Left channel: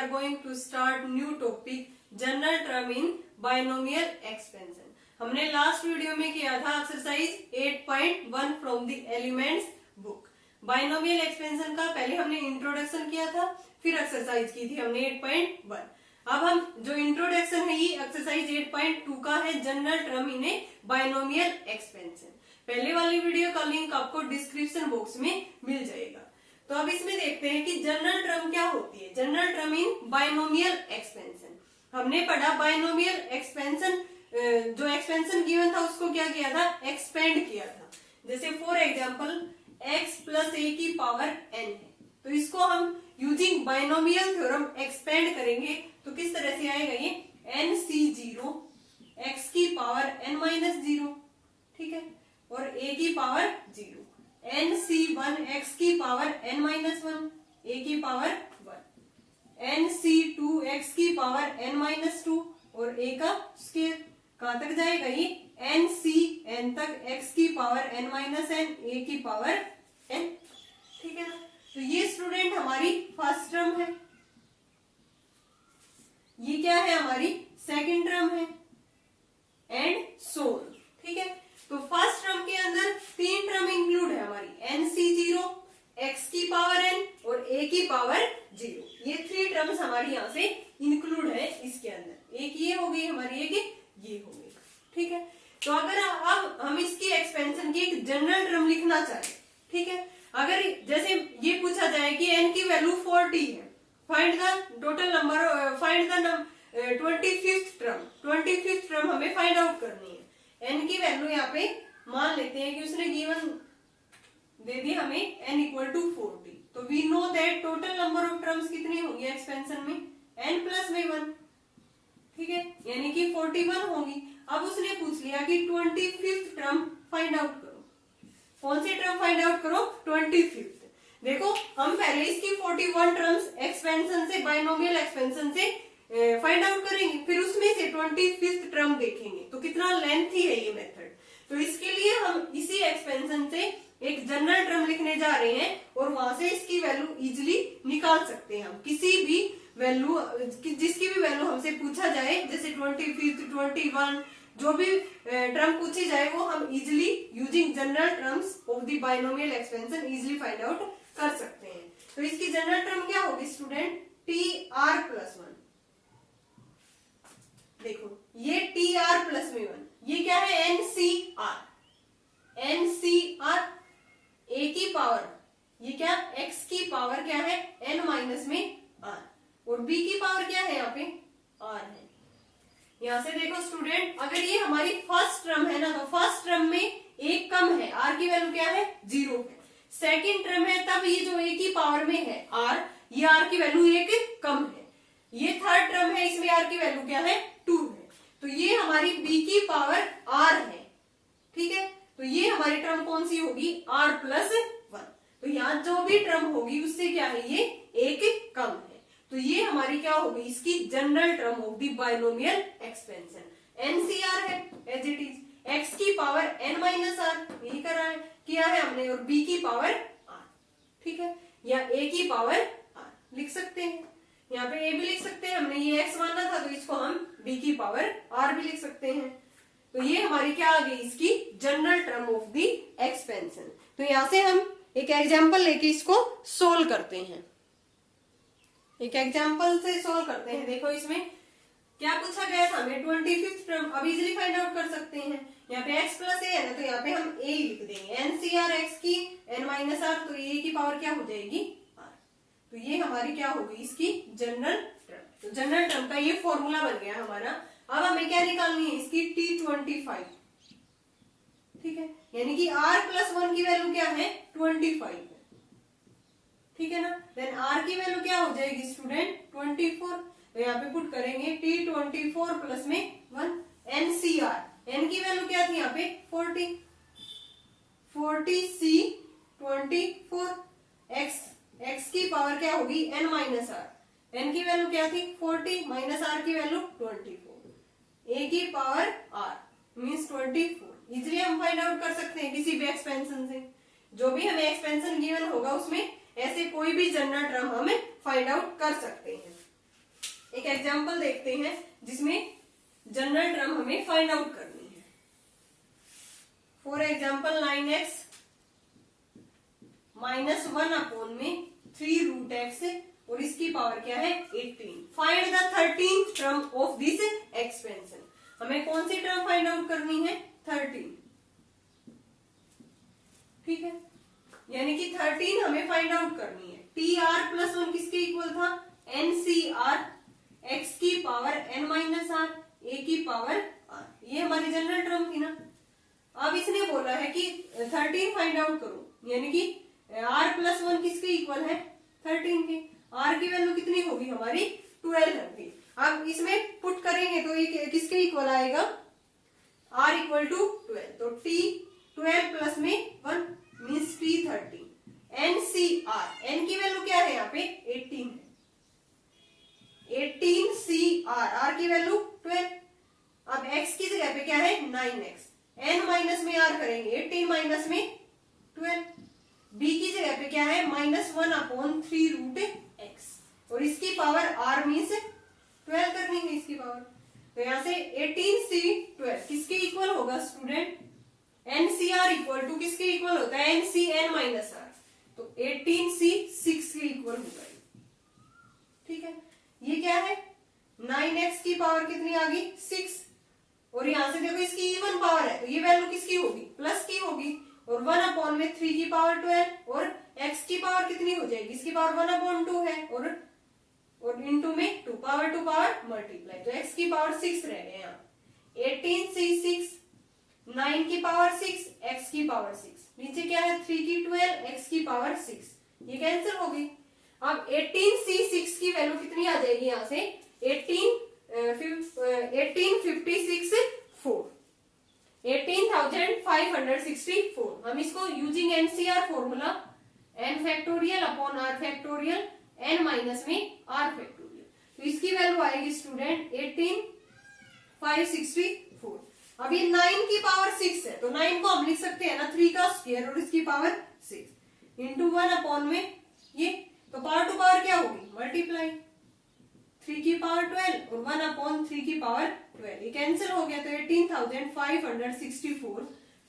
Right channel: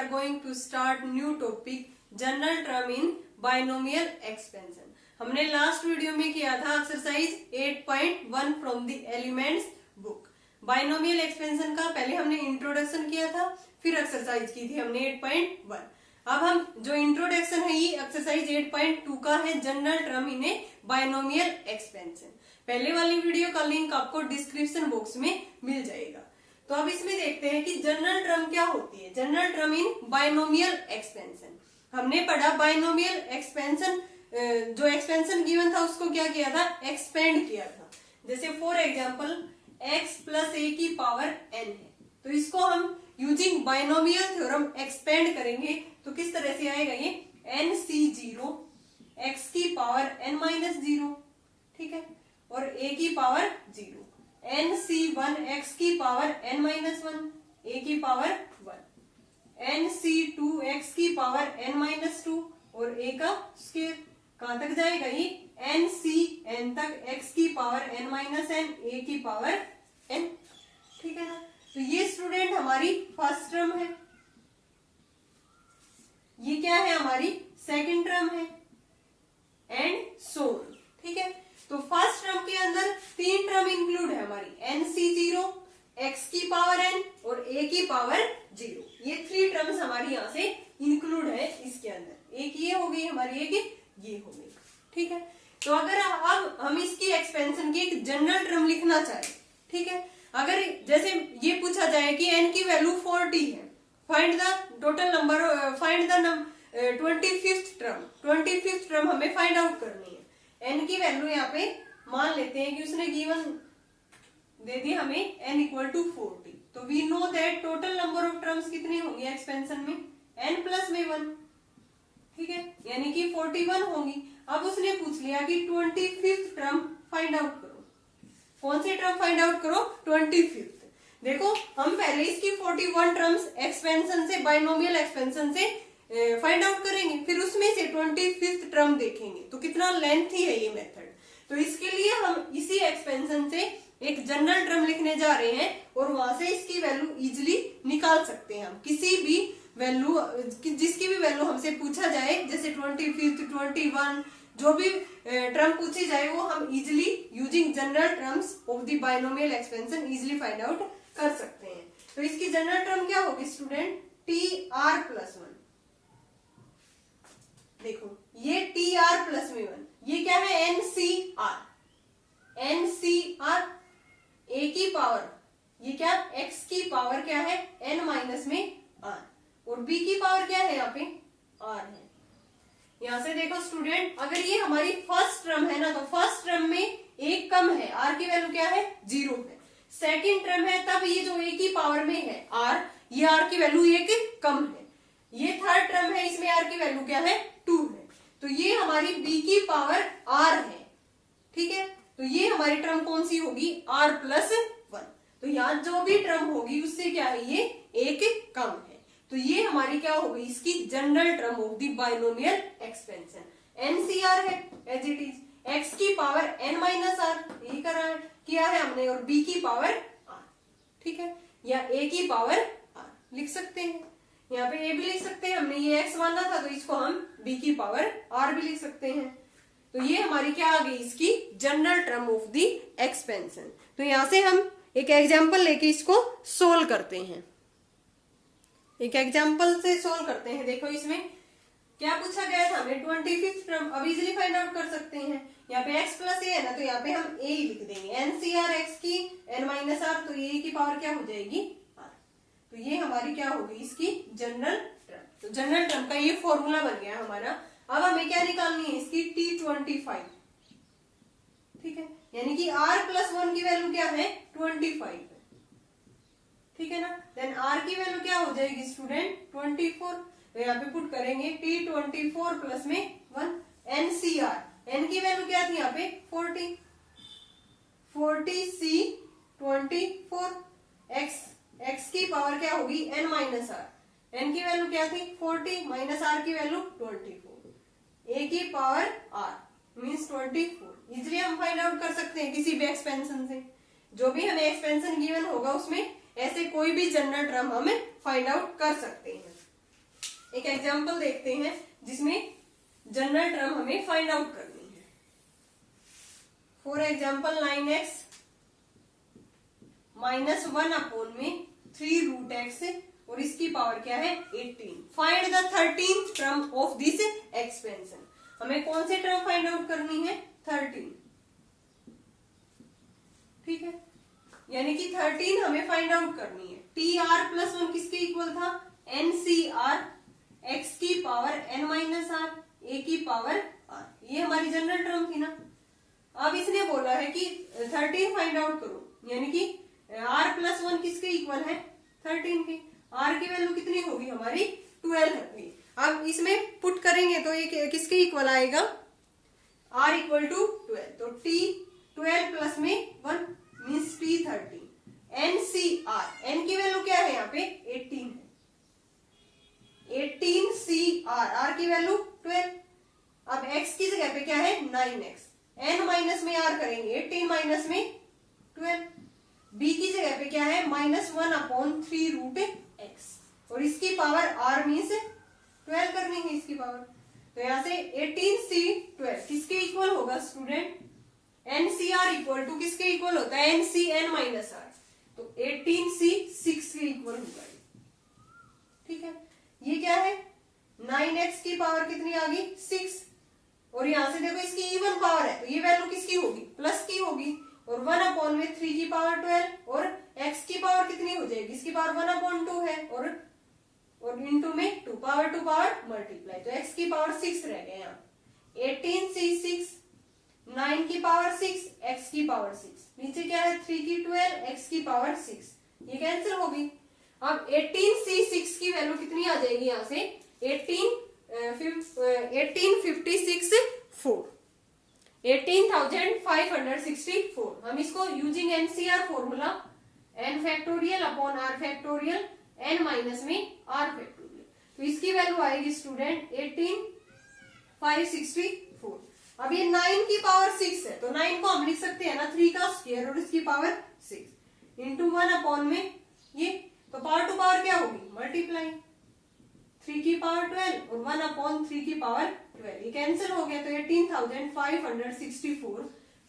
are going to start new topic general term in binomial expansion. हमने last video में किया था exercise 8.1 from the elements book. Binomial expansion का पहले हमने इंट्रोडक्शन किया था, फिर एक्सरसाइज की थी हमने 8.1. अब हम जो इंट्रोडक्शन है ये एक्सरसाइज 8.2 का है, general term in A binomial expansion. पहले वाली वीडियो का लिंक आपको डिस्क्रिप्शन बॉक्स में मिल जाएगा. तो अब इसमें देखते हैं कि जनरल टर्म क्या होती है. General term in binomial expansion. हमने पढ़ा बाइनोमियल एक्सपेंशन, जो एक्सपेंशन गिवन था उसको क्या किया था, एक्सपेंड किया था. जैसे फॉर एग्जाम्पल x प्लस ए की पावर n है, तो इसको हम यूजिंग बाइनोमियल थ्योरम एक्सपेंड करेंगे तो किस तरह से आएगा ये nc0 x की पावर n माइनस 0, ठीक है, और a की पावर 0, nc1 x की पावर n माइनस 1, a की पावर 1, nc2 x की पावर n माइनस 2 और a का स्क्वायर. कहां तक जाएगा ये n तक x की power n minus n, a की पावर n, ठीक है ना. तो ये स्टूडेंट हमारी फर्स्ट टर्म है, ये क्या है हमारी सेकंड टर्म है, एंड सो ऑन, ठीक है. तो फर्स्ट टर्म के अंदर तीन टर्म इंक्लूड है हमारी, nc0 x की पावर n और a की पावर 0. ये थ्री टर्म्स हमारी यहाँ से इंक्लूड है इसके अंदर. एक ये हो गई हमारी, एक ये हो गई, ठीक है. तो अगर अब हम इसकी एक्सपेंशन की एक जनरल टर्म लिखना चाहें, ठीक है, अगर जैसे ये पूछा जाए कि n की वैल्यू 40 है, find the total number, find the 25th term. 25th term हमें फाइंड आउट करनी है. n की वैल्यू यहाँ पे मान लेते हैं कि उसने गिवन दे दी हमें n इक्वल टू 40. तो we know that total number of terms कितनी होंगी एक्सपेंशन में, n प्लस में 1, ठीक है, यानी कि 41 होंगी. अब उसने पूछ लिया कि 25th टर्म फाइंड आउट करो. कौन सी टर्म फाइंड आउट करो, 25th. देखो हम पहले इसकी 41 टर्म्स एक्सपेंशन से, बाइनोमियल एक्सपेंशन से फाइंड आउट करेंगे, फिर उसमें से 25th टर्म देखेंगे. तो कितना लेंथी है ये मेथड. तो इसके लिए हम इसी एक्सपेंशन से एक जनरल टर्म लिखने जा रहे हैं और वहां से इसकी वैल्यू इजिली निकाल सकते हैं. हम किसी भी वैल्यू, जिसकी भी वैल्यू हमसे पूछा जाए, जैसे 25th 21 जो भी टर्म पूछी जाए वो हम easily using general terms of the binomial expansion easily find out कर सकते हैं. तो इसकी जनरल टर्म क्या होगी स्टूडेंट, tr प्लस 1. देखो ये tr प्लस में 1, ये क्या है ncr. ncr a की पावर, ये क्या x की पावर क्या है n माइनस में r, और b की पावर क्या है यहाँ पे r है. यहां से देखो स्टूडेंट, अगर ये हमारी फर्स्ट टर्म है ना, तो फर्स्ट टर्म में एक कम है, r की वैल्यू क्या है 0 है. सेकंड टर्म है तब ये जो a की पावर में है r, ये r की वैल्यू एक कम है. ये थर्ड टर्म है, इसमें r की वैल्यू क्या है 2 है. तो ये हमारी b की पावर r है, ठीक है. तो ये हमारी टर्म कौन सी होगी, r प्लस 1. तो यहाँ जो भी टर्म होगी उससे क्या है ये एक कम है. तो ये हमारी क्या होगी, इसकी general term of the binomial expansion. NCR है एज इट इज, x की पावर n माइनस r, यही करा है किया है हमने, और b की पावर r, ठीक है, या a की पावर r लिख सकते हैं. यहाँ पे a भी लिख सकते हैं, हमने ये x माना था तो इसको हम b की पावर r भी लिख सकते हैं. तो ये हमारी क्या आ गई, इसकी general term of the expansion. तो यहाँ से हम एक एग्जाम्पल लेके इसको सोल्व करते हैं. एक एग्जाम्पल से सोल्व करते हैं. देखो इसमें क्या पूछा गया था हमें, 25th टर्म. अब इजिली फाइंड आउट कर सकते हैं. यहाँ पे x प्लस ए है ना, तो यहाँ पे हम a ही लिख देंगे. nCr x की n माइनस r, तो a की पावर क्या हो जाएगी r. तो ये हमारी क्या होगी, इसकी जनरल टर्म. तो जनरल टर्म का ये फॉर्मूला बन गया हमारा. अब हमें क्या निकालनी है, इसकी t25, ठीक है, यानी कि r प्लस 1 की वैल्यू क्या है 25, ठीक है ना. देन r की वैल्यू क्या हो जाएगी स्टूडेंट 24. तो यहाँ पे पुट करेंगे t24 प्लस में 1. ncr, n की वैल्यू क्या थी यहाँ पे 40, 40c24, x की पावर क्या होगी n माइनस r. n की वैल्यू क्या थी 40 माइनस r की वैल्यू 24, a की पावर r मीन्स 24. इजिली हम फाइंड आउट कर सकते हैं किसी भी एक्सपेंशन से. जो भी हमें एक्सपेंशन गिवन होगा उसमें ऐसे कोई भी जनरल टर्म हम फाइंड आउट कर सकते हैं. एक एग्जांपल देखते हैं जिसमें जनरल टर्म हमें फाइंड आउट करनी है। फॉर एग्जांपल 9x -1 अपॉन में 3 रूट एक्स और इसकी पावर क्या है 18। Find the 13th term of this expansion. हमें कौन सी टर्म फाइंड आउट करनी है 13। ठीक है, यानी कि 13 हमें फाइंड आउट करनी है। TR+1 किसके इक्वल था NCR x की power n minus r a की पावर r। ये हमारी जनरल टर्म थी ना। अब इसने बोला है कि 13 फाइंड आउट करो, यानी कि R+1 किसके इक्वल है 13 के। R की वैल्यू कितनी होगी हमारी 12 होगी। अब इसमें पुट करेंगे तो ये किसके इक्वल आएगा R इक्वल टू 12। तो T 12 प्लस में 1 मीन्स T 13। NCR N की वैल्यू क्या है यहाँ पे 18 है। 18CR R की वैल्यू 12। अब X की जगह पे क्या है 9x। N माइनस में R करेंगे 18 माइनस में 12। B की जगह पे क्या है -1 अपॉन 3 रूट x और इसकी पावर R मीन्स 12 कर लेंगे इसकी पावर। तो यहाँ से 18C12 किसके इक्वल होगा स्टूडेंट NCR इक्वल टू किसके इक्वल होता है NCN माइनस R। तो 18C 6 के इक्वल होगा। ठीक है, ये क्या है 9x की पावर कितनी आ गई 6 और यहां से देखो इसकी इवन पावर है तो ये वैल्यू किसकी होगी प्लस की होगी और 1 अपॉन में 3 की पावर 12 और x की पावर कितनी हो जाएगी इसकी पावर 1 अपॉन 2 है और इनटू में 2 पावर मल्टीप्लाई तो x की पावर 6 रह गया यहाँ। 18C6 9 की पावर 6 x की पावर 6 नीचे क्या है 3 की 12 x की पावर 6 ये कैंसिल हो गई। अब 18C6 की वैल्यू कितनी आ जाएगी यहाँ से 18,564 हम इसको using NCR formula n factorial upon r factorial n minus में r फैक्टोरियल तो इसकी वैल्यू आएगी स्टूडेंट 18,564। अब ये 9 की पावर 6 है तो 9 को हम लिख सकते हैं ना 3 का स्क्वायर और इसकी पावर 6 इंटू 1 अपॉन में ये तो पावर टू पावर क्या होगी मल्टीप्लाई 3 की पावर 12 और 1 अपॉन 3 की पावर 12 ये कैंसिल हो गया तो 18,564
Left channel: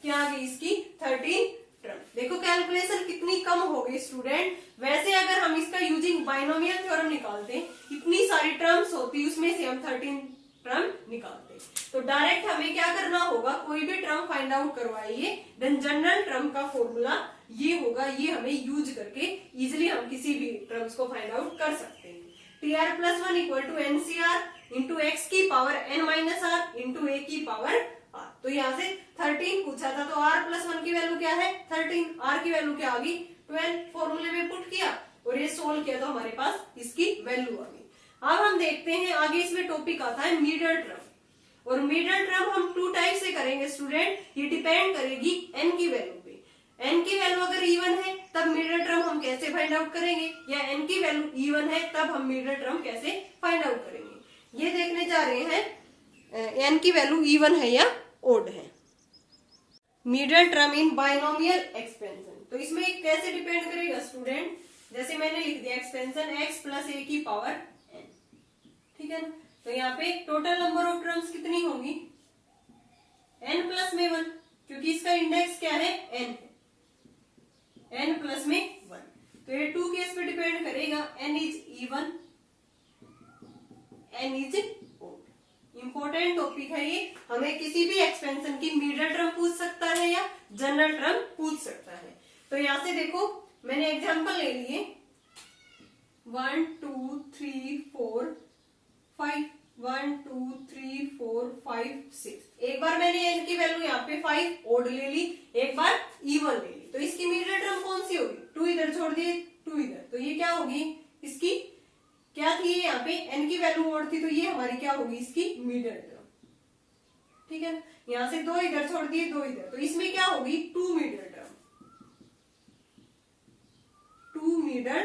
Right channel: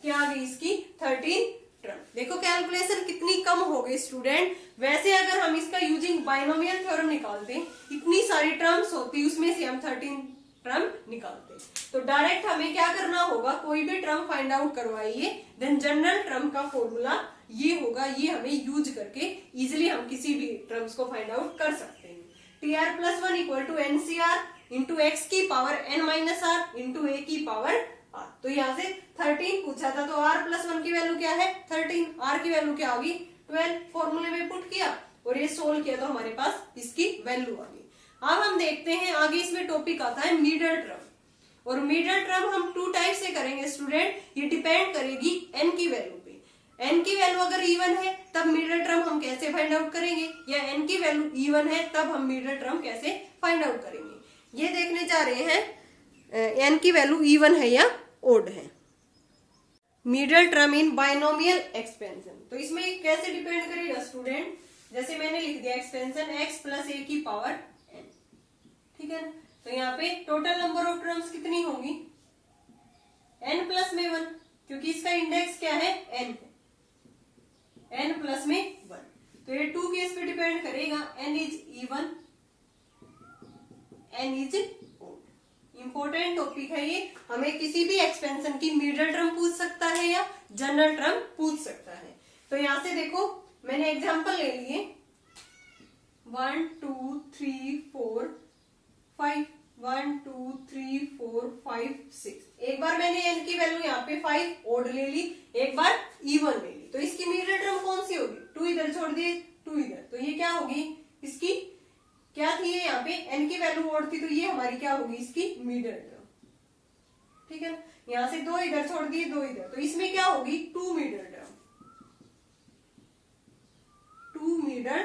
क्या आ गई इसकी 13 टर्म। देखो कैलकुलेशन कितनी कम हो गई स्टूडेंट। वैसे अगर हम इसका यूजिंग बाइनोमियल थ्योरम निकालते इतनी सारी टर्म्स होती उसमें से हम 13 टर्म निकालते। तो डायरेक्ट हमें क्या करना होगा कोई भी टर्म फाइंड आउट करवाइए देन जनरल टर्म का फॉर्मूला ये होगा ये हमें यूज करके इजिली हम किसी भी टर्म्स को फाइंड आउट कर सकते हैं। TR+1 equal to NCR into X की power n minus R into a की पावर r। तो यहाँ से 13 पूछा था तो R+1 की वैल्यू क्या है 13 r की वैल्यू क्या आ गई 12 फॉर्मूले में पुट किया और ये सोल्व किया तो हमारे पास इसकी वैल्यू आ गई। अब हम देखते हैं आगे इसमें टॉपिक आता है मिडल टर्म और मिडल टर्म हम 2 टाइप से करेंगे स्टूडेंट। ये डिपेंड करेगी n की वैल्यू पे। n की वैल्यू अगर इवन है तब मिडल टर्म हम कैसे फाइंड आउट करेंगे या n की वैल्यू इवन है तब हम मिडल टर्म कैसे फाइंड आउट करेंगे ये देखने जा रहे हैं n की वैल्यू इवन है या ओड है। Middle term in binomial expansion तो इसमें कैसे डिपेंड करेगा स्टूडेंट जैसे मैंने लिख दिया एक्सपेंशन x प्लस a की पावर n। ठीक है ना तो यहाँ पे टोटल नंबर ऑफ टर्म्स कितनी होंगी n प्लस में 1 क्योंकि इसका इंडेक्स क्या है n है n प्लस में 1 तो ये 2 केस पे डिपेंड करेगा n is even n is odd. Important topic है ये हमें किसी भी एक्सपेंशन की मिडल टर्म पूछ सकता है या जनरल टर्म पूछ सकता है। तो यहां से देखो मैंने एग्जांपल ले लिए 1 2 3 4 5 1 2 3 4 5 6 एक बार मैंने n की वैल्यू यहाँ पे 5 ओड ले ली एक बार इवन ले ली तो इसकी मिडल टर्म कौन सी होगी 2 इधर छोड़ दिए 2 इधर तो ये क्या होगी इसकी क्या थी यहाँ पे n की वैल्यू ओड थी तो ये हमारी क्या होगी इसकी मिडल टर्म। ठीक है ना यहाँ से 2 इधर छोड़ दिए 2 इधर तो इसमें क्या होगी 2 मिडल टर्म 2 मिडल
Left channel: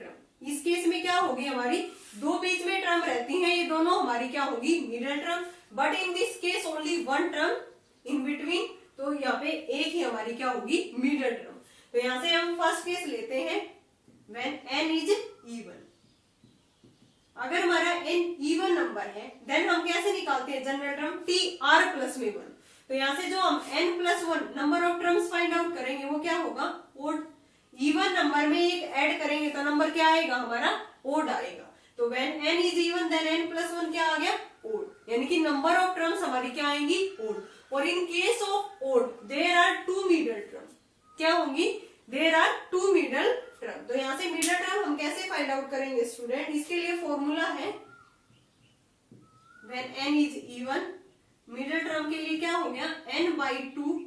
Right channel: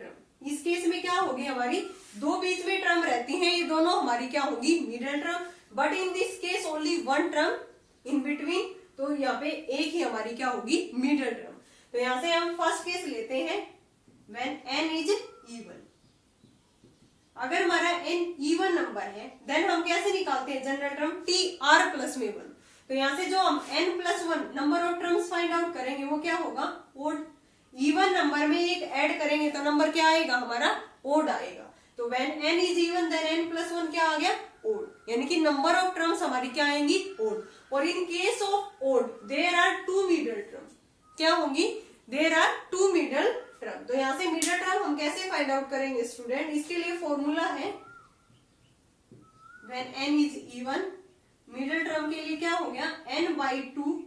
टर्म। इस केस में क्या होगी हमारी 2 बीच में टर्म रहती हैं ये दोनों हमारी क्या होगी middle term but in this case only 1 term in between तो यहाँ पे एक ही हमारी क्या होगी मिडल टर्म। तो यहाँ से हम फर्स्ट केस लेते हैं व्हेन n इज इवन अगर हमारा n इवन नंबर है देन हम कैसे निकालते हैं general term T R plus में 1। तो यहाँ से जो हम n plus 1 number of terms find out करेंगे वो क्या होगा ओड। इवन नंबर में एक ऐड करेंगे तो नंबर क्या आएगा हमारा ओड आएगा। तो when n is even then n plus 1 क्या आ गया ओड, यानी कि नंबर ऑफ टर्म्स हमारी क्या आएंगी ओड। और in case of odd there are two middle term, क्या होंगी there are two middle term. तो यहाँ से मिडल टर्म हम कैसे फाइंड आउट करेंगे स्टूडेंट, इसके लिए फॉर्मूला है when n is even, middle term के लिए क्या हो गया n/2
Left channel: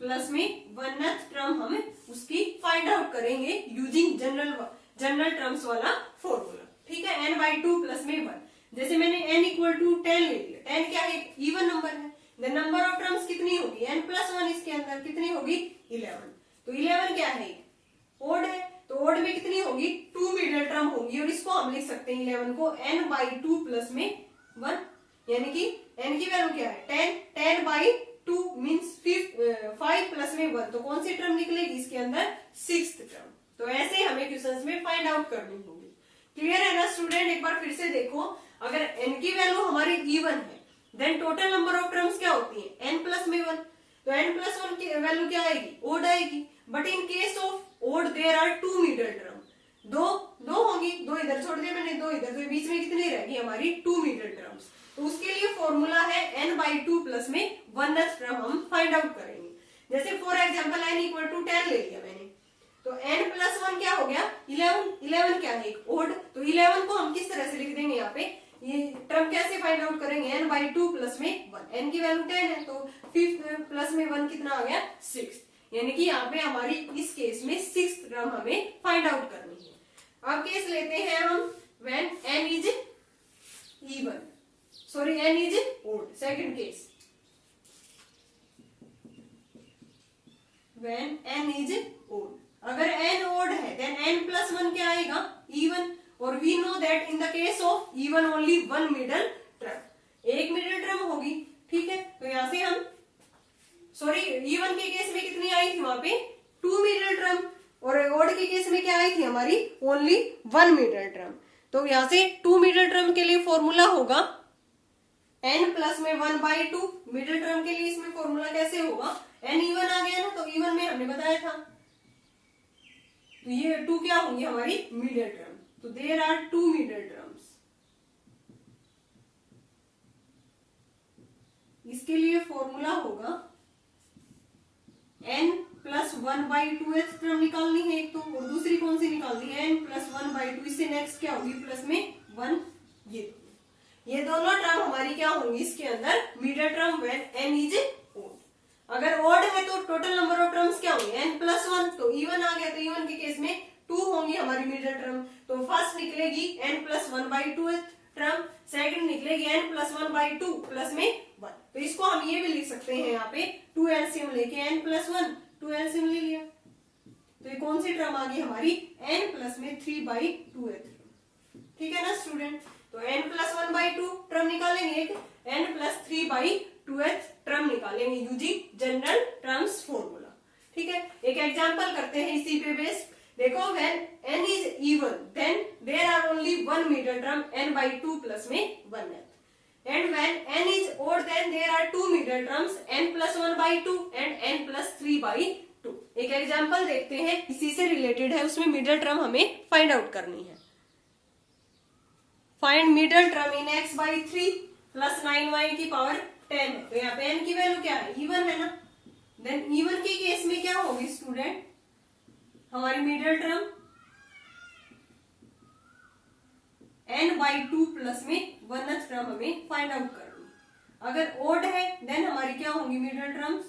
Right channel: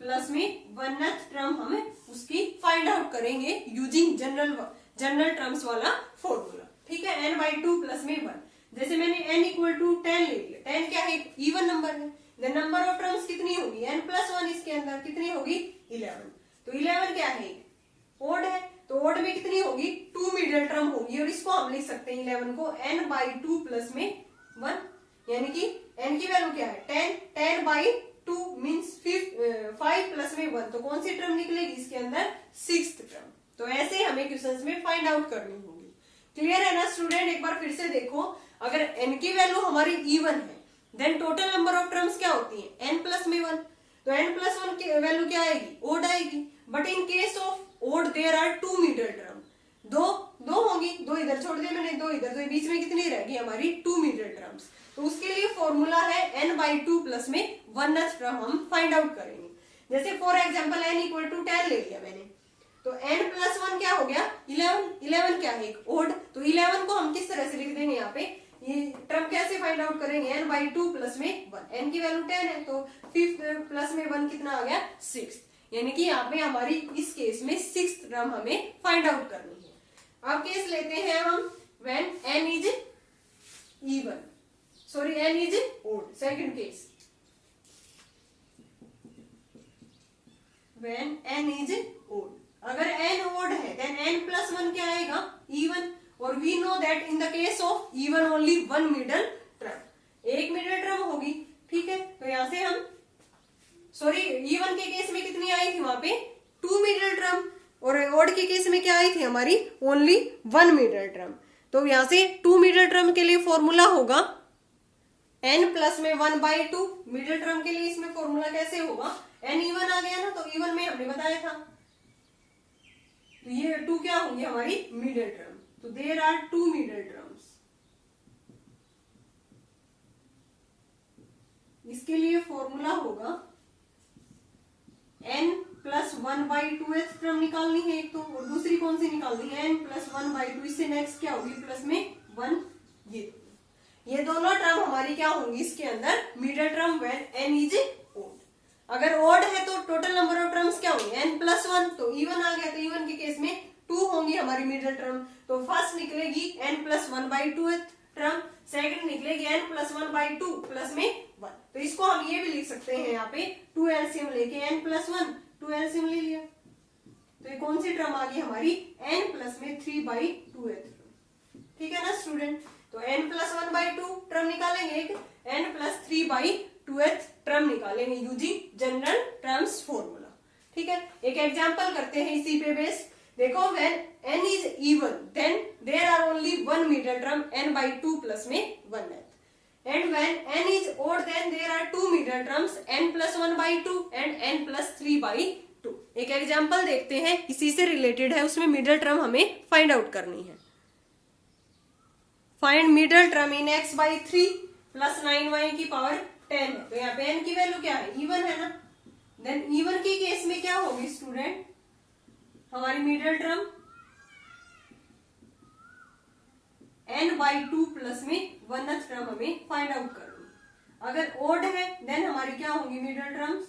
प्लस में 1th टर्म हमें उसकी फाइंड आउट करेंगे यूजिंग जनरल टर्म्स वाला फॉर्मूला। ठीक है, n/2 प्लस में 1। जैसे मैंने n इक्वल टू 10 ले लिया, 10 क्या है इवन नंबर है, द नंबर ऑफ टर्म्स कितनी होगी n प्लस 1, इसके अंदर कितनी होगी 11। तो 11 क्या है ओड है, तो ओड में कितनी होगी टू मिडल टर्म होगी और इसको हम लिख सकते हैं 11 को n/2 प्लस में 1, यानी कि n की वैल्यू क्या है 10/2 मीन्स 5 प्लस में 1, तो कौन सी टर्म निकलेगी इसके अंदर 6th टर्म। तो ऐसे हमें क्वेश्चंस में फाइंड आउट करनी होगी। क्लियर है ना स्टूडेंट, एक बार फिर से देखो, अगर n की वैल्यू हमारी इवन है then total number of terms क्या होती है n प्लस में 1, तो n प्लस 1 की वैल्यू क्या आएगी ओड आएगी। But in case of odd there are two middle term, दो होगी, दो इधर छोड़ दिए मैंने, दो इधर, तो बीच में कितनी रहेगी हमारी टू मिडल टर्म्स। तो उसके लिए फॉर्मूला है n/2 प्लस में 1th टर्म हम फाइंड आउट करेंगे। जैसे for example n equal to 10 ले लिया मैंने, तो n प्लस 1 क्या हो गया 11 क्या है ओड। तो 11 को हम किस तरह से लिख देंगे, यहाँ पे ये टर्म कैसे फाइंड आउट करेंगे n/2 प्लस में 1, n की वैल्यू 10 है तो 5 प्लस में 1 कितना आ गया 6, यानी कि यहाँ पे हमारी इस केस में 6th टर्म हमें फाइंड आउट करनी है। अब केस लेते हैं हम when n is even, sorry n is odd. Second case when n is odd, अगर n ओड है देन n प्लस 1 क्या आएगा इवन, और we know that in the case of even only one middle term, एक middle term होगी। ठीक है, तो यहां से हम सॉरी इवन के केस में कितनी आई थी वहां पे टू मिडल टर्म, और ओड के केस में क्या आई थी हमारी ओनली वन मिडल टर्म। तो यहां से टू मिडल टर्म के लिए फॉर्मूला होगा n प्लस में 1/2, मिडल टर्म के लिए इसमें फॉर्मूला कैसे होगा n इवन आ गया ना, तो इवन में हमने बताया था, तो ये टू क्या होंगी हमारी मिडल टर्म। तो there are two middle terms, इसके लिए फॉर्मूला होगा n प्लस 1/2th टर्म निकालनी है एक तो, और दूसरी कौन सी निकालनी है n प्लस 1/2, इससे नेक्स्ट क्या होगी प्लस में 1, ये दोनों टर्म हमारी क्या होंगी इसके अंदर middle term when n is odd. अगर ओड है तो टोटल नंबर ऑफ टर्म्स क्या होंगे n प्लस 1, तो इवन आ गया, तो इवन के केस में 2 होंगी हमारी मिडल टर्म। तो फर्स्ट निकलेगी n plus 1/2th term, second निकलेगी n प्लस 1/2 प्लस में 1। तो इसको हम ये भी लिख सकते हैं यहाँ पे 2 एलसीएम लेके n प्लस 1 2 एलसीएम ले लिया, तो ये कौन सी टर्म आ गई हमारी n प्लस में 3/2th टर्म। ठीक है ना स्टूडेंट, तो n प्लस 1/2 टर्म निकालेंगे, एक n प्लस 3/2th टर्म निकालेंगे यूजिंग जनरल टर्म्स फॉर्मूला। ठीक है, एक एग्जांपल करते हैं इसी पे बेस। देखो when n is even then there are only one middle term n/2 plus में 1th, and when n is odd then there are two middle terms n plus 1/2 and n plus 3/2। एक example देखते हैं, इसी से related है, उसमें middle term हमें find out करनी है। Find middle term in x/3 plus 9y की पावर 10 है, तो यहाँ पे n की वैल्यू क्या है इवन है ना, देन इवन के केस में क्या होगी स्टूडेंट हमारी मिडल टर्म n/2 प्लस में 1th टर्म हमें फाइंड आउट करनी। अगर ओड है देन हमारी क्या होंगी मिडल टर्म्स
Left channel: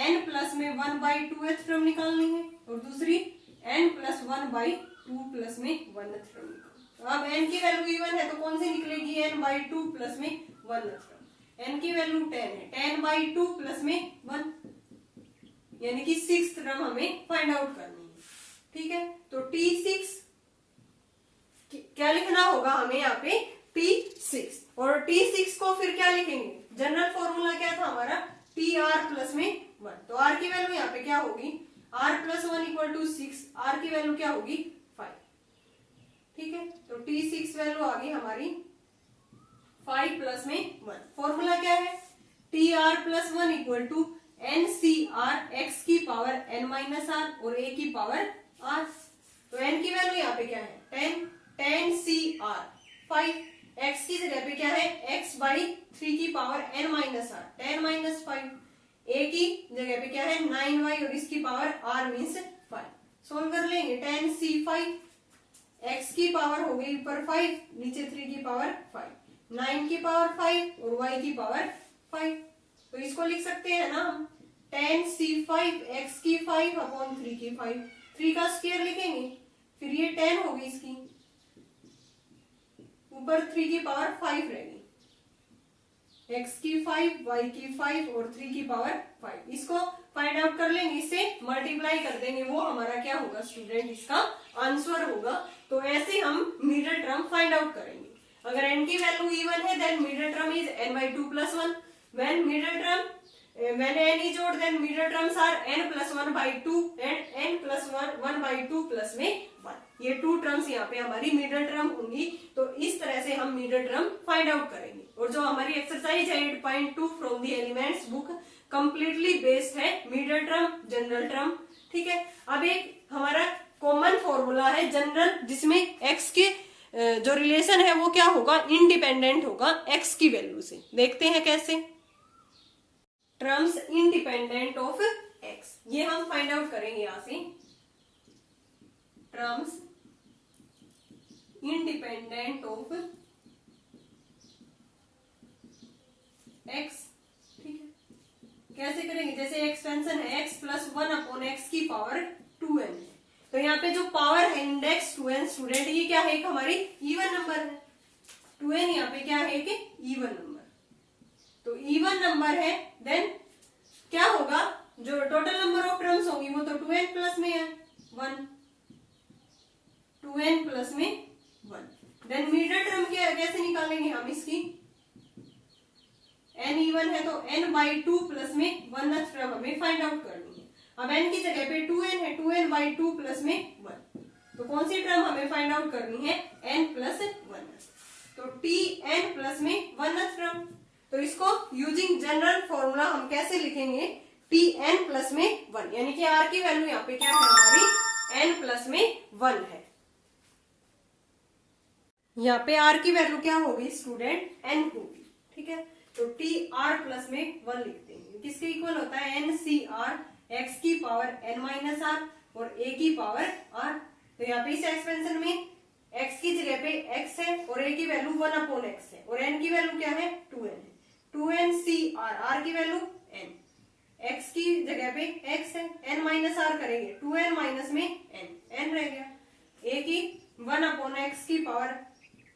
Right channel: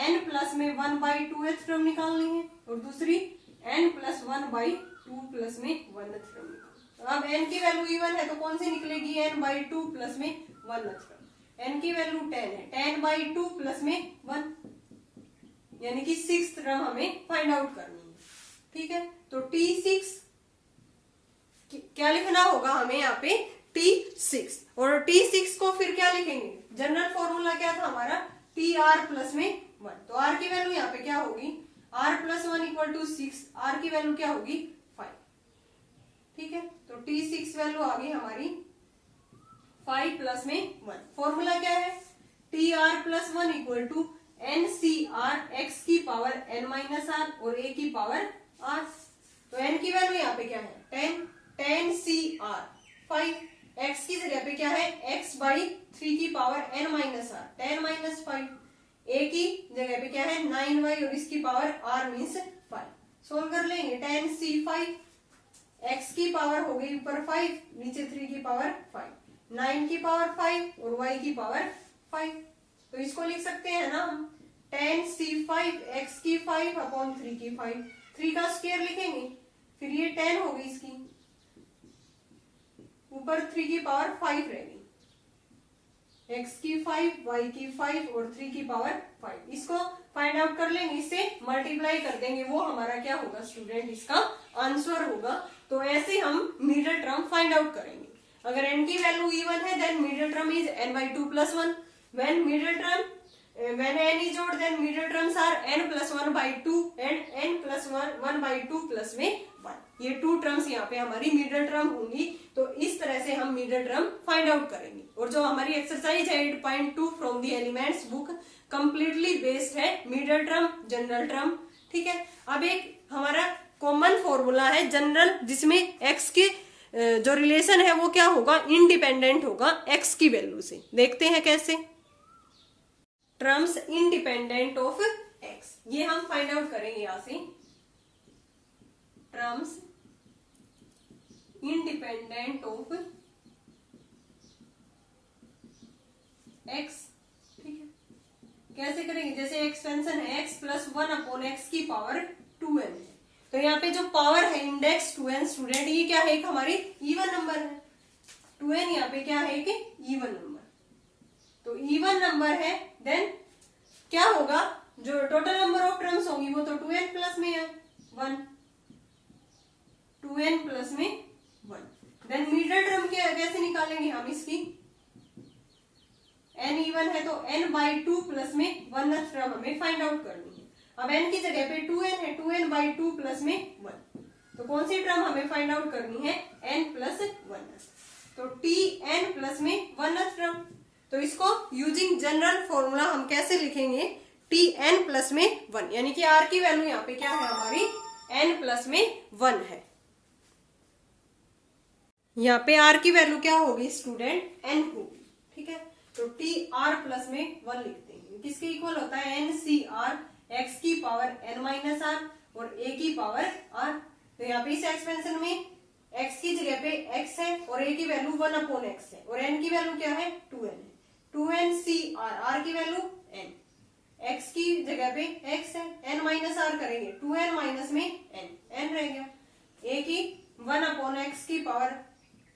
n प्लस में 1/2th टर्म निकालनी है, और दूसरी n प्लस 1/2 प्लस में 1th टर्म निकालनी। तो अब n की वैल्यू इवन है तो कौन सी निकलेगी n/2 प्लस में 1th टर्म, n की वैल्यू 10 है 10/2 प्लस में 1, यानी कि 6th टर्म हमें फाइंड आउट करनी है। ठीक है, तो T6 क्या लिखना होगा हमें यहाँ पे T6, और T6 को फिर क्या लिखेंगे जनरल फॉर्मूला क्या था हमारा TR प्लस में 1, तो R की वैल्यू यहाँ पे क्या होगी R plus 1 equal to 6, R की वैल्यू क्या होगी 5। ठीक है। तो T6 वैल्यू आ गई हमारी 5 प्लस में 1। फॉर्मूला क्या है, TR+1 equal to NCR x की पावर n माइनस आर और a की पावर r। तो n की वैल्यू यहाँ पे क्या है 10 CR 5, x की जगह पे क्या है x बाई 3 की power n minus r 10 minus 5, a की जगह पे क्या है 9y और इसकी पावर r मीन्स 5। सोल्व कर लेंगे 10C5, x की पावर हो गई ऊपर 5, नीचे 3 की पावर 5, 9 की पावर 5 और y की पावर 5। तो इसको लिख सकते हैं ना हम 10C5 x की 5 अपॉन 3 की 5, 3 का स्क्वायर लिखेंगे, फिर ये 10 होगी इसकी, ऊपर 3 की पावर 5 रहेगी, x की 5, y की 5 और 3 की पावर 5। इसको फाइंड आउट कर लेंगे, इससे मल्टीप्लाई कर देंगे, वो हमारा क्या होगा स्टूडेंट, इसका आंसर होगा। तो ऐसे हम मिडिल टर्म फाइंड आउट करेंगे। अगर n की वैल्यू इवन है then middle term is n/2+1। when n is odd then middle terms are n+1/2 and n+1/2 plus में 1। ये 2 टर्म्स यहाँ पे हमारी मिडिल टर्म होंगी। तो इस तरह से हम मिडिल टर्म फाइंड आउट करेंगे। और जो हमारी एक्सरसाइज है 8.2 from the elements book completely based है मिडिल टर्म जनरल टर्म, ठीक है। अब एक हमारा कॉमन फॉर्मूला है जनरल, जिसमें x के जो रिलेशन है वो क्या होगा, इंडिपेंडेंट होगा x की वैल्यू से। देखते हैं कैसे, टर्म्स इंडिपेंडेंट ऑफ x, ये हम फाइंड आउट करेंगे यहां से। टर्म्स इंडिपेंडेंट ऑफ x, ठीक है। कैसे करेंगे, जैसे एक्सपेंशन है x+1/x की पावर 2n है, तो यहाँ पे जो पावर है इंडेक्स 2n स्टूडेंट, ये क्या है, एक हमारी इवन नंबर है। 2n यहाँ पे क्या है, एक इवन नंबर। तो इवन नंबर है देन क्या होगा, जो टोटल नंबर ऑफ टर्म्स होंगी वो तो 2n प्लस में है 1, 2n प्लस में 1। देन मिडिल टर्म क्या कैसे निकालेंगे हम इसकी, n इवन है तो n/2 प्लस में 1 टर्म हमें फाइंड आउट करनी है। अब n की जगह पे 2n है, 2n/2 प्लस में 1, तो कौन सी टर्म हमें फाइंड आउट करनी है, n+1। तो tn प्लस में 1 टर्म। तो इसको यूजिंग जनरल फॉर्मूला हम कैसे लिखेंगे, tn प्लस में 1, यानी कि r की वैल्यू यहाँ पे क्या है हमारी n प्लस में 1 है। यहाँ पे r की वैल्यू क्या होगी स्टूडेंट, n होगी, ठीक है। तो tr प्लस में 1 लिखते हैं, किसके इक्वल होता है ncr x की पावर n माइनस आर और a की पावर r। तो यहाँ पे इस एक्सपेंशन में x की जगह पे x है और a की वैल्यू 1/x है और n की वैल्यू क्या है 2n है, 2ncr, r की वैल्यू n, x की जगह पे x है, n माइनस आर करेंगे 2n माइनस में n रह गया, a की 1/x की पावर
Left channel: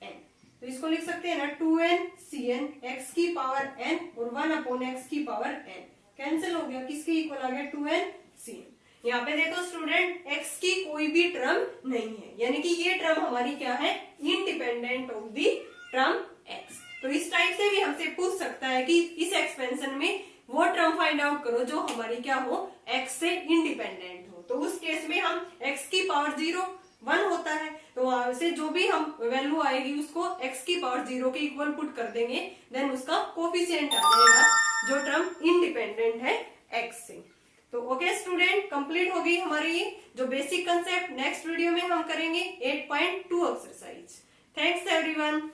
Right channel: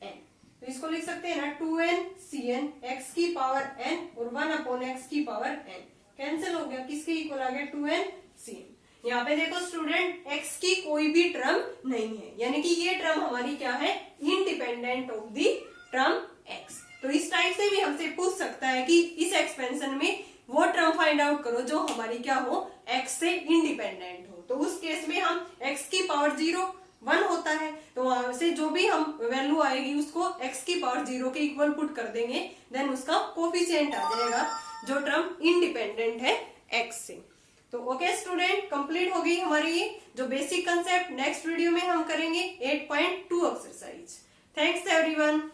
n। तो इसको लिख सकते हैं ना 2ncn x की पावर n और 1/x की पावर n, कैंसिल हो गया, किसके इक्वल आ गया 2ncn। यहाँ पे देखो स्टूडेंट x की कोई भी टर्म नहीं है, यानी कि ये टर्म हमारी क्या है, independent of the term x। तो इस टाइप से भी हमसे पूछ सकता है कि इस एक्सपेंशन में वो टर्म फाइंड आउट करो जो हमारी क्या हो, x से इंडिपेंडेंट हो। तो उस केस में हम x की पावर 0 1 होता है, तो वहां से जो भी हम वैल्यू आएगी उसको x की पावर 0 के इक्वल पुट कर देंगे, देन उसका कोफिशिएंट आ जाएगा जो टर्म इंडिपेंडेंट है x से। तो ओके स्टूडेंट, कंप्लीट होगी हमारी ये जो बेसिक कंसेप्ट। नेक्स्ट वीडियो में हम करेंगे 8.2 एक्सरसाइज। Thanks everyone.